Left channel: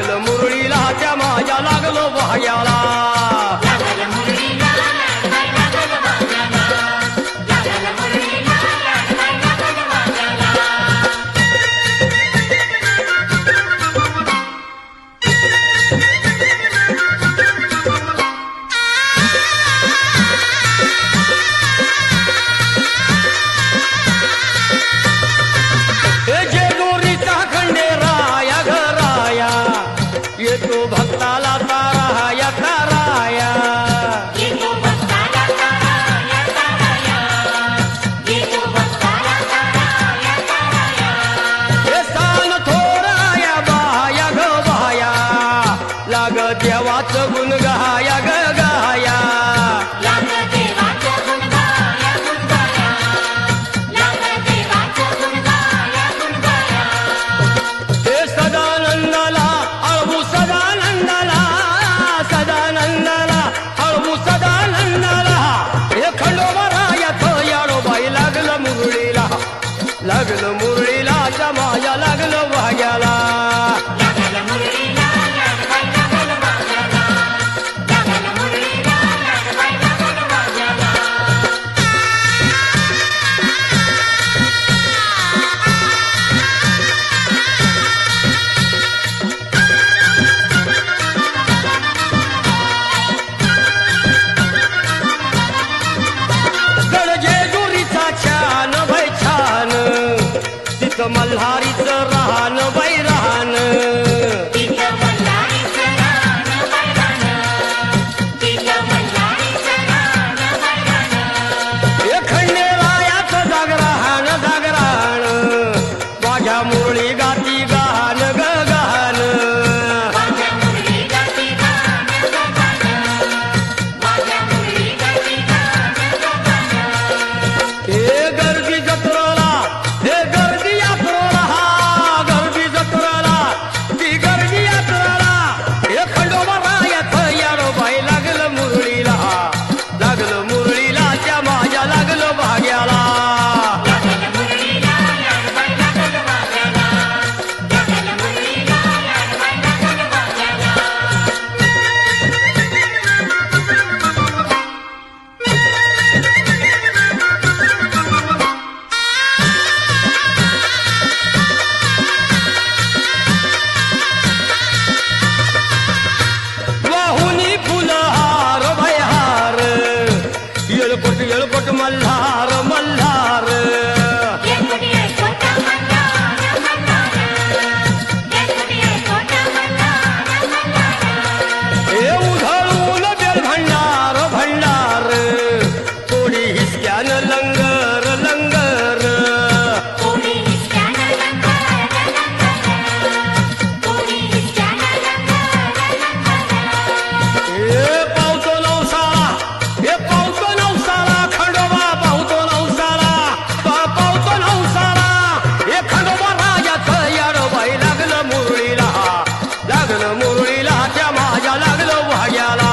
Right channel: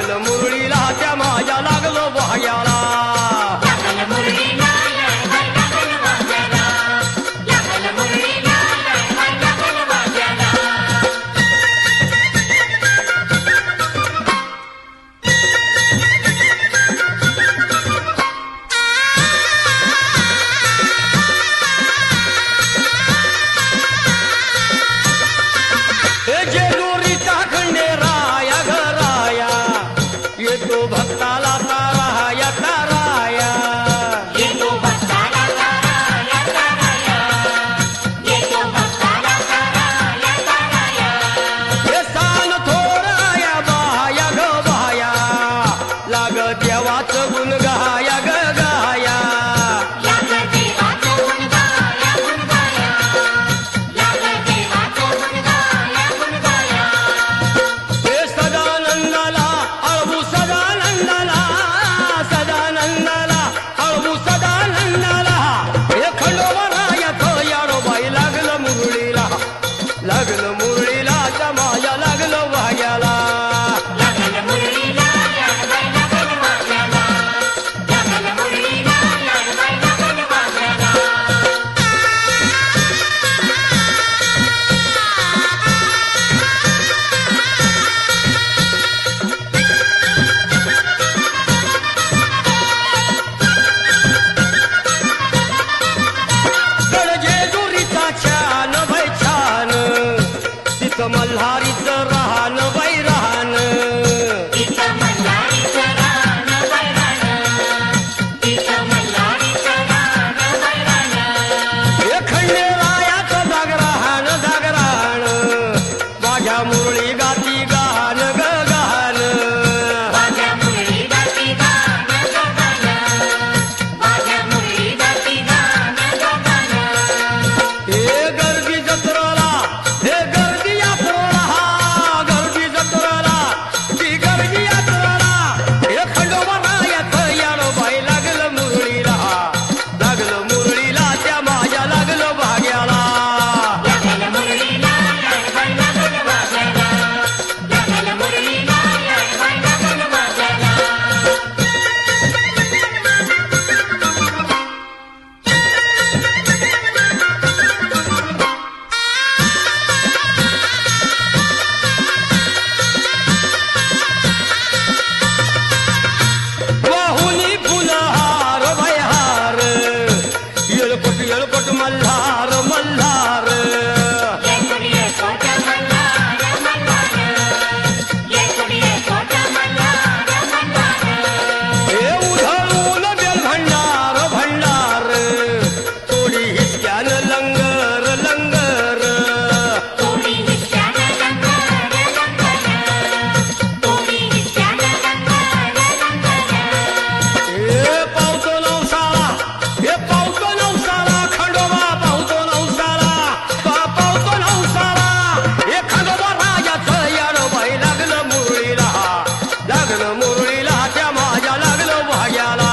लागलं मुरळीला त्या माझ्या लागलो भाग्याला लागलो मुरळीला माया लागलो भाग्याला इथं मल्हारीच राहान बाई राहान खंडे वायाच जागराहान जागराहान माझ्या मुरळी मल्हा मुरळीला त्या माझ्या लागलो भाग्याला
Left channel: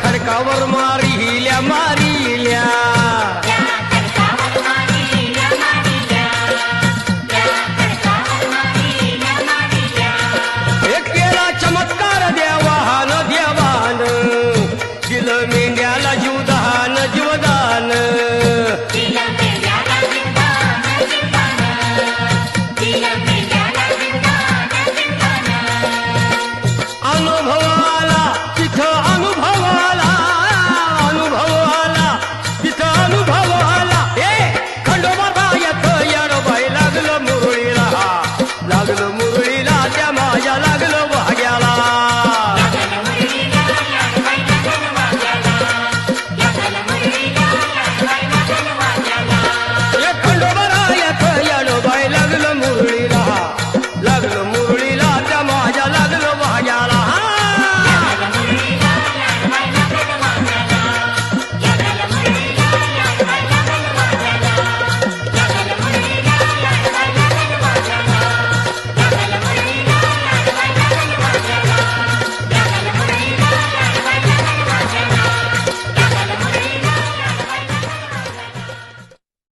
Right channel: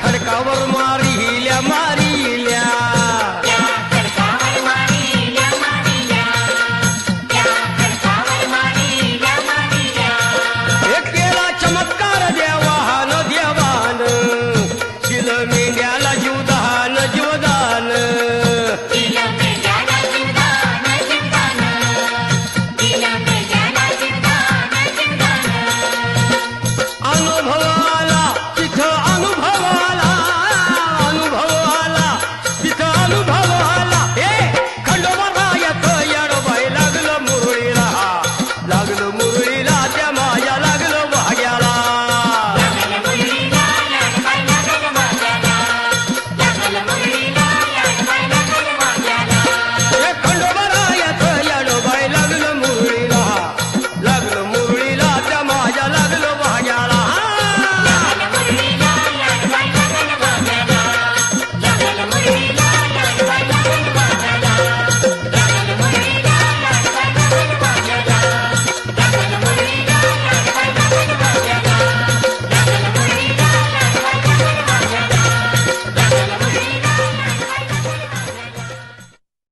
ખડકાવર મારી હિલ્યા મારી લ્યા.